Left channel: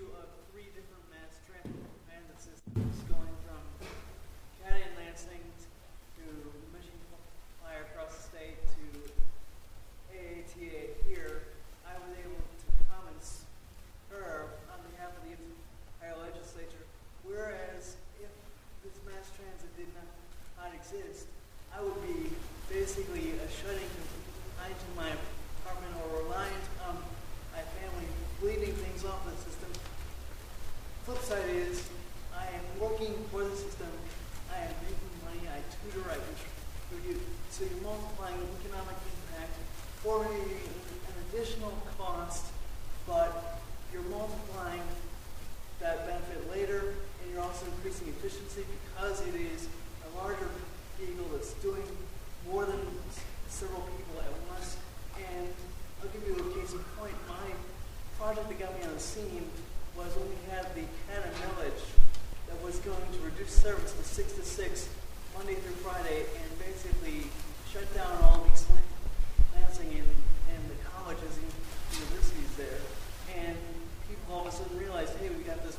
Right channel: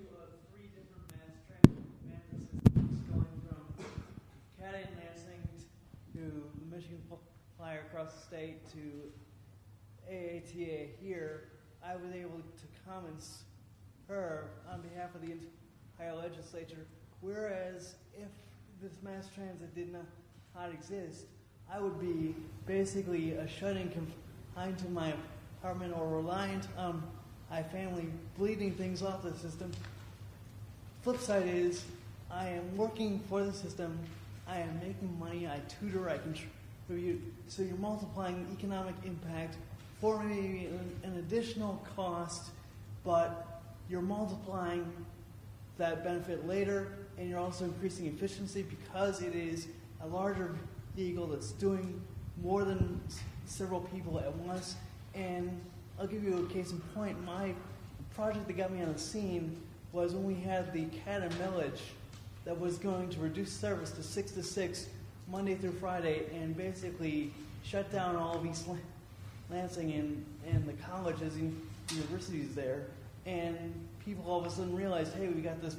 you of three different mass transit systems going from Caddy and Lansing to Michigan Flyer across the state to AATA here. I was able to comment her on behalf of the entire legislature, whereas if this mass transit did not exist, I would be basically shutting confined to my apartment or reliant on my family bleeding things off the system. Flip side is, I am working for the system, I am making money, I tutor, I contribute, so you're multiplying economic impact for an additional cost, but you're multiplying that benefit later, and you're also increasing efficiency because it is a larger vehicle that's doing more than several people at once. And I'll give you a case in point. My project that got me on the scene was when we had the CATA millage that was going to reduce service to 6 to 6 Monday through Friday and basically shut down all of East Lansing and the colleges and universities there. And people all of a sudden realized, hey, we got this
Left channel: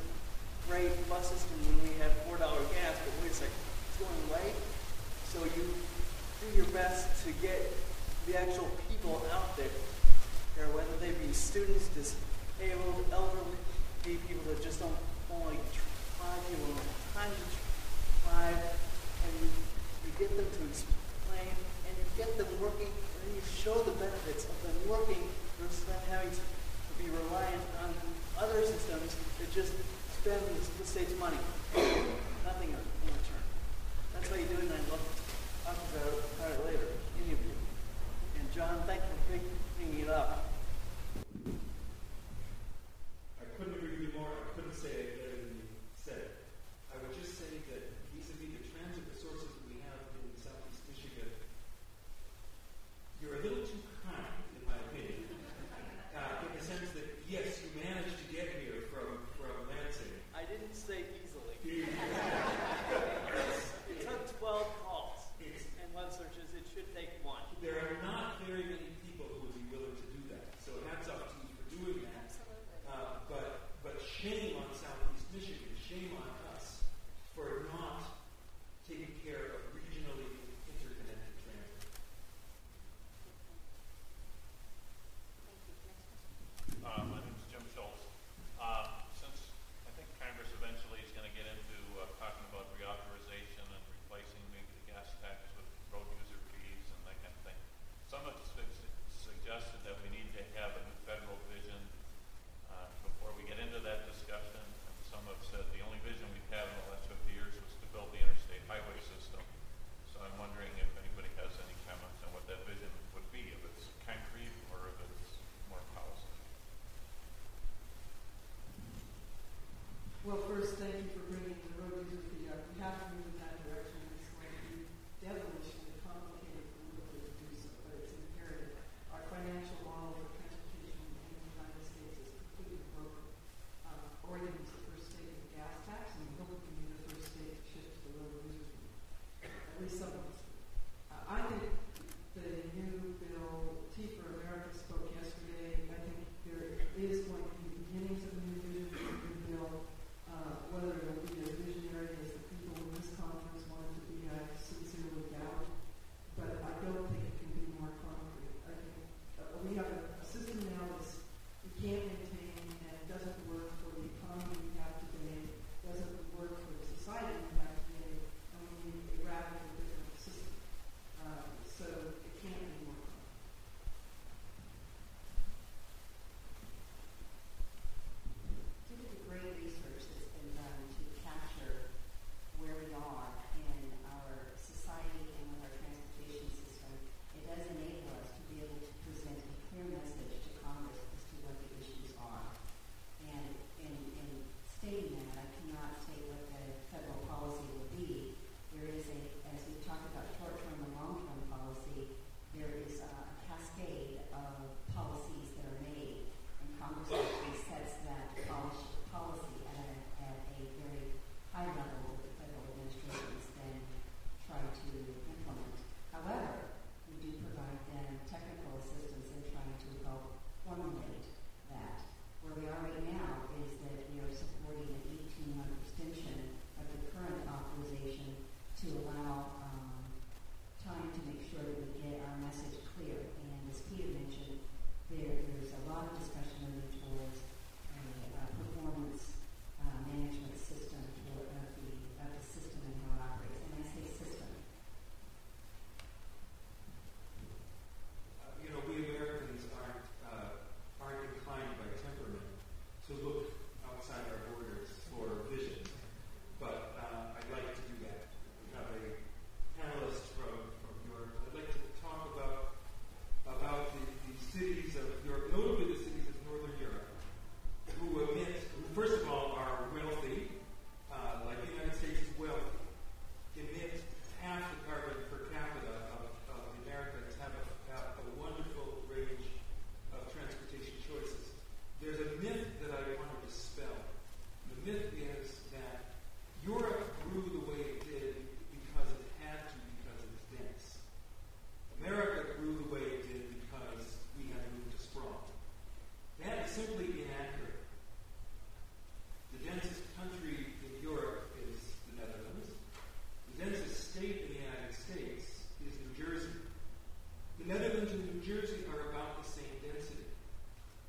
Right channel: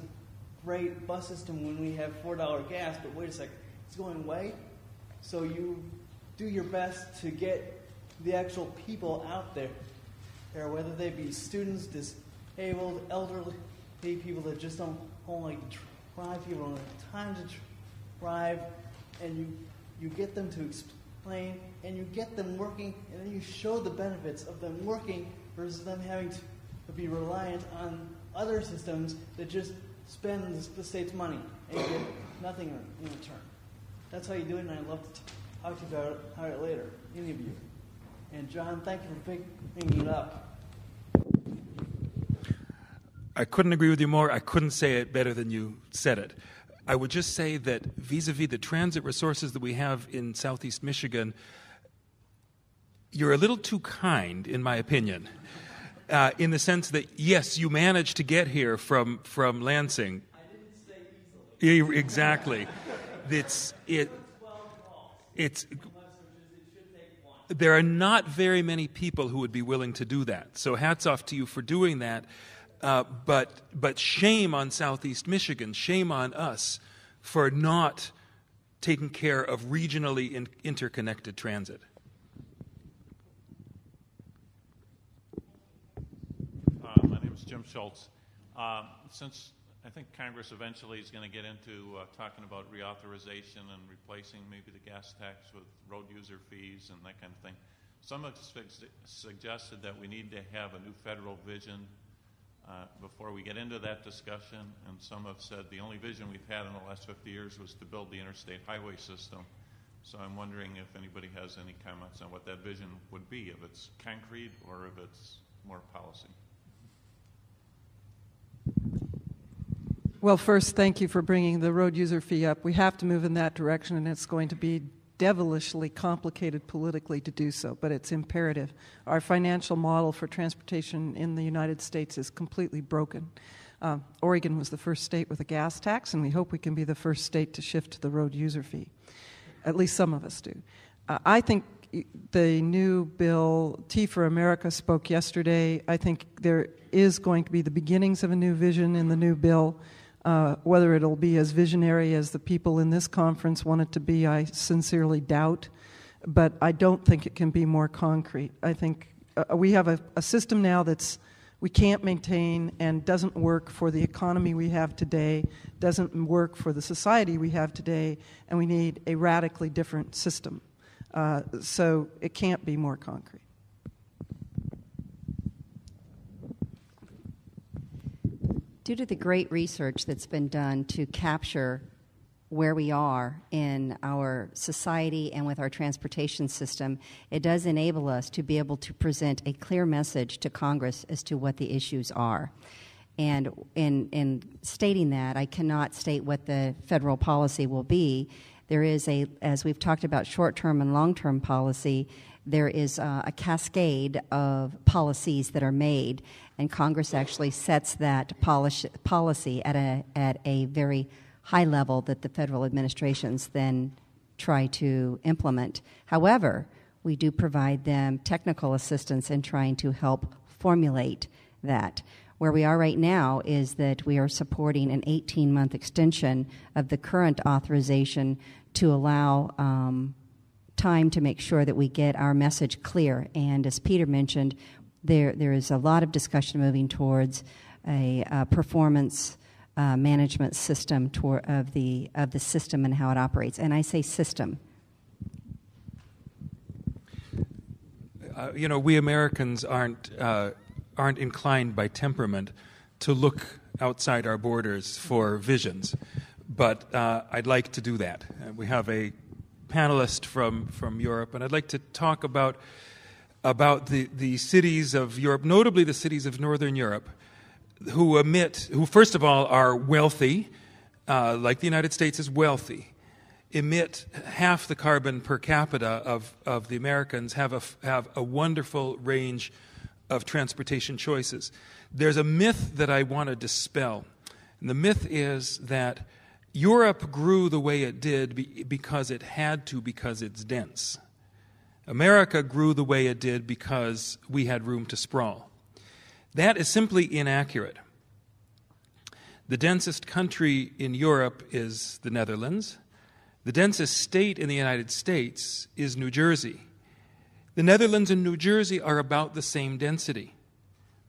great bus system when we had $4 gas, but wait a second, it's going away. So you do your best to get the actual people out there, whether they be students, disabled, elderly, people that just don't want to drive, people don't have time to drive, and you get them to explain, and you get them working, and then you show the benefits of them working versus them having to be reliant on other systems that just spend the state's money and get nothing in return. That's how you do it, and I'd love to talk about it later, any of you. And John, thank you for picking it up. I couldn't agree with you more. I couldn't say it better than you said it. I would just say that vis-a-vis the transit resources that we have in Southeast Michigan, you're a little too kind, in my opinion, in the sense that, yes, you managed to get here from Lansing. I didn't say easily. Exactly. It took 12 calls. It's and web searches, it should take one. There are not very many people who would be willing to do that. So hats off to you for doing that. But shame on Southeast Michigan, shame on us for not taking care of regionally interconnected transit. My name is Jim Schultz. Since I think Congress eventually is going to get into talking about reauthorization and replacing maybe the gas tax with road user fees and that kind of thing, some have suggested that we need to have a new federal vision before we get into that discussion, and some have said the only vision we've had in the last 50 years was to build the interstate highway system. So I'm wondering if anybody has any comments on what that vision would be, if it's concrete or if it's more policy. Well, first, thank you for bringing the road user fee up. We have to move in that direction, and it's going to be devilishly complicated politically to do so, but it's imperative. Our financial model for transportation in the United States is completely broken. Oregon was the first state with a gas tax, and we hope we can be the first state to shift to the road user fee. At least some of us do. I think the new bill, T for America spoke yesterday. I think there is going to be the beginnings of a new vision in the new bill. Whether it'll be as visionary as the people in this conference want it to be, I sincerely doubt. But I don't think it can be more concrete. I think we have a system now that's we can't maintain and doesn't work for the economy we have today, doesn't work for the society we have today, and we need a radically different system. So it can't be more concrete. Due to the great research that's been done to capture where we are in our society and with our transportation system, it does enable us to be able to present a clear message to Congress as to what the issues are. And in stating that, I cannot state what the federal policy will be. There is as we've talked about short-term and long-term policy, there is a cascade of policies that are made, and Congress actually sets that policy at a very high level that the federal administrations then try to implement. However, we do provide them technical assistance in trying to help formulate that. Where we are right now is that we are supporting an 18-month extension of the current authorization to allow time to make sure that we get our message clear. And as Peter mentioned, there is a lot of discussion moving towards a performance management system of the system and how it operates. And I say system. We Americans aren't inclined by temperament to look outside our borders for visions, but I'd like to do that. We have a panelist from Europe, and I'd like to talk about the cities of Europe, notably the cities of Northern Europe, who first of all are wealthy, like the United States is wealthy, emit half the carbon per capita of the Americans, have a wonderful range of transportation choices. There's a myth that I want to dispel, and the myth is that Europe grew the way it did because it had to, because it's dense. America grew the way it did because we had room to sprawl. That is simply inaccurate. The densest country in Europe is the Netherlands. The densest state in the United States is New Jersey. The Netherlands and New Jersey are about the same density.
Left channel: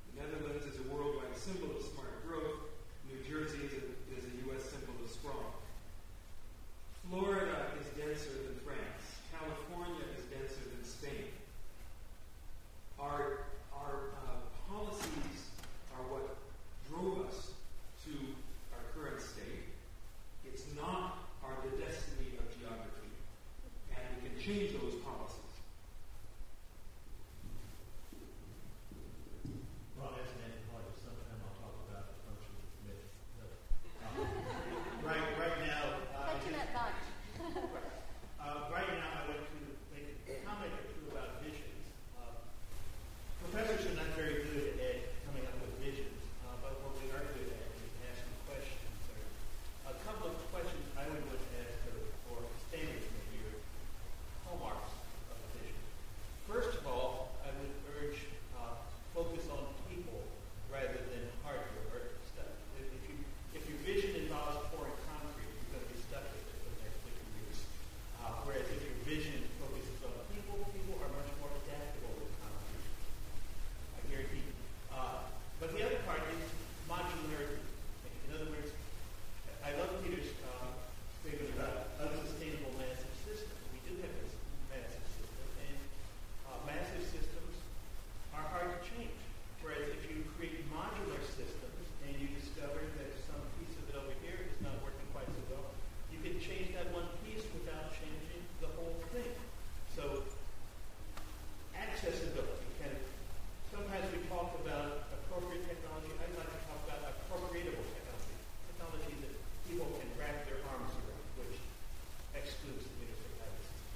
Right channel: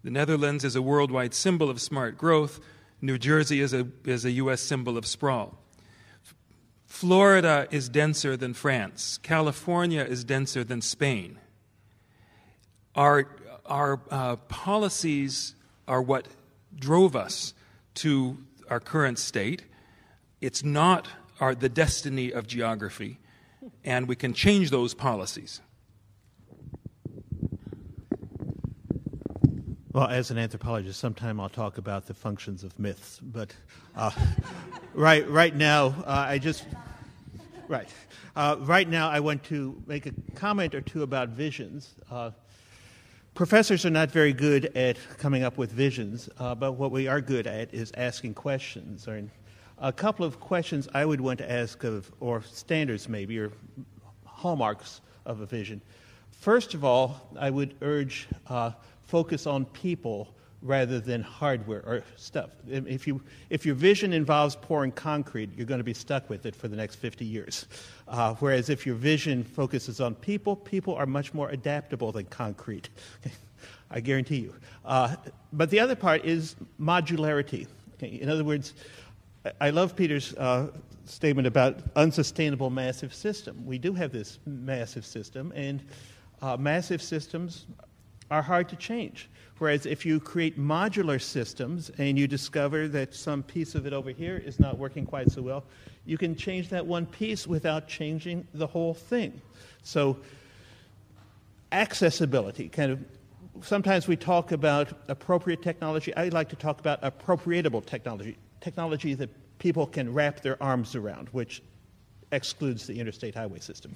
The Netherlands is a worldwide symbol of smart growth. New Jersey is a U.S. symbol of sprawl. Florida is denser than France. California is denser than Spain. Our policies are what drove us to our current state. It's not the destiny of geography, and we can change those policies. Well, as an anthropologist, sometime I'll talk about the functions of myths, but right now I want to make a comment or two about visions. Professors are not very good at coming up with visions, but what we are good at is asking questions. Or a couple of questions I would want to ask or standards maybe, or hallmarks of a vision. First of all, I would urge focus on people rather than hardware or stuff. If your vision involves pouring concrete, you're going to be stuck with it for the next 50 years. Whereas if your vision focuses on people, people are much more adaptable than concrete. I guarantee you. But the other part is modularity. Okay? In other words, I love Peter's statement about unsustainable massive system. We do have this massive system, and massive systems are hard to change. Whereas if you create modular systems and you discover that some piece of it over here is not working quite so well, you can change that one piece without changing the whole thing. So accessibility, sometimes we talk about appropriate technology. I like to talk about appropriatable technology, technology that people can wrap their arms around, which excludes the interstate highway system.